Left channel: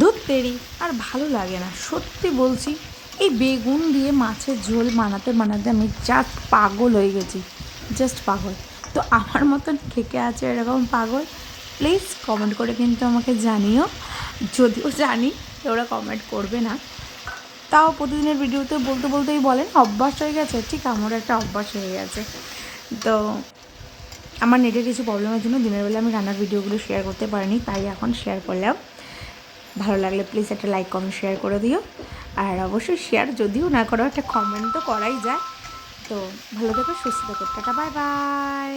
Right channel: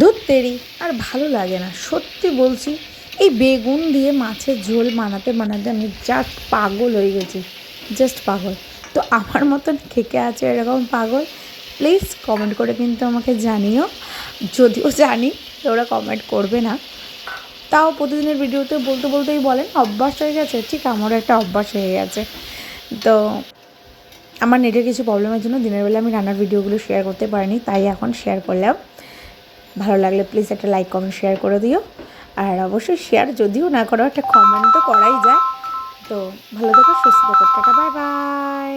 দুধ তেরি, আর ভালো লাগে না। সত্যি বলছি, এই বেগুন দিয়ে মাছের ঝোল বানাতে বানাতে আমি জাস্ট পাগল হয়ে গেছি। জাস্ট পাগল। তো আমার মতন খেকে আছে এরকম পাগল? প্লিজ কমেন্ট করে কিন্তু আমাকে জানিও। যদিও জানি ওরা কমেন্ট করবে না। তাও প্রতিদিনের ভিডিওতে বলতে বলতেই বলেন, অভ্যাস হয়ে গেছে? ঠিক আমারও একটা অভ্যাস হয়ে গেছে। তো আমার নেটের কিছু প্রবলেমের জন্য দিনের বেলা আমি রান্নার ভিডিওগুলো শেয়ার করতে পারিনি, তাই এখন শেয়ার করলাম। ভালো লাগলে প্লিজ একটা লাইক কমেন্ট শেয়ার করে দিও। আর অবশ্যই শেয়ার যদিও না করো, একটা কমেন্ট তো করাই যায়। তো ভালো থেকো, সুস্থ থেকো। Tata bye bye